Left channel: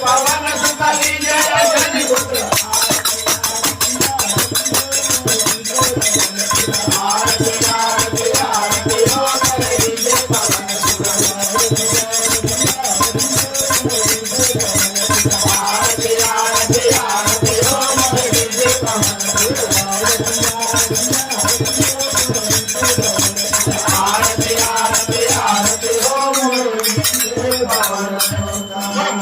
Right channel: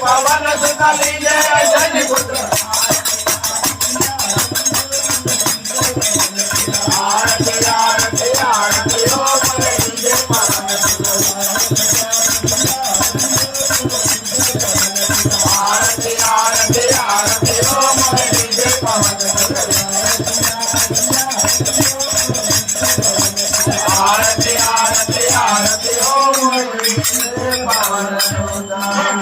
पवन सुखाली जय जन पुत्र आरती आरती आरती हो बोले जय पवन आरती आरती आरती हो बोले जय पवन आरती आरती आरती हो बोले जय पवन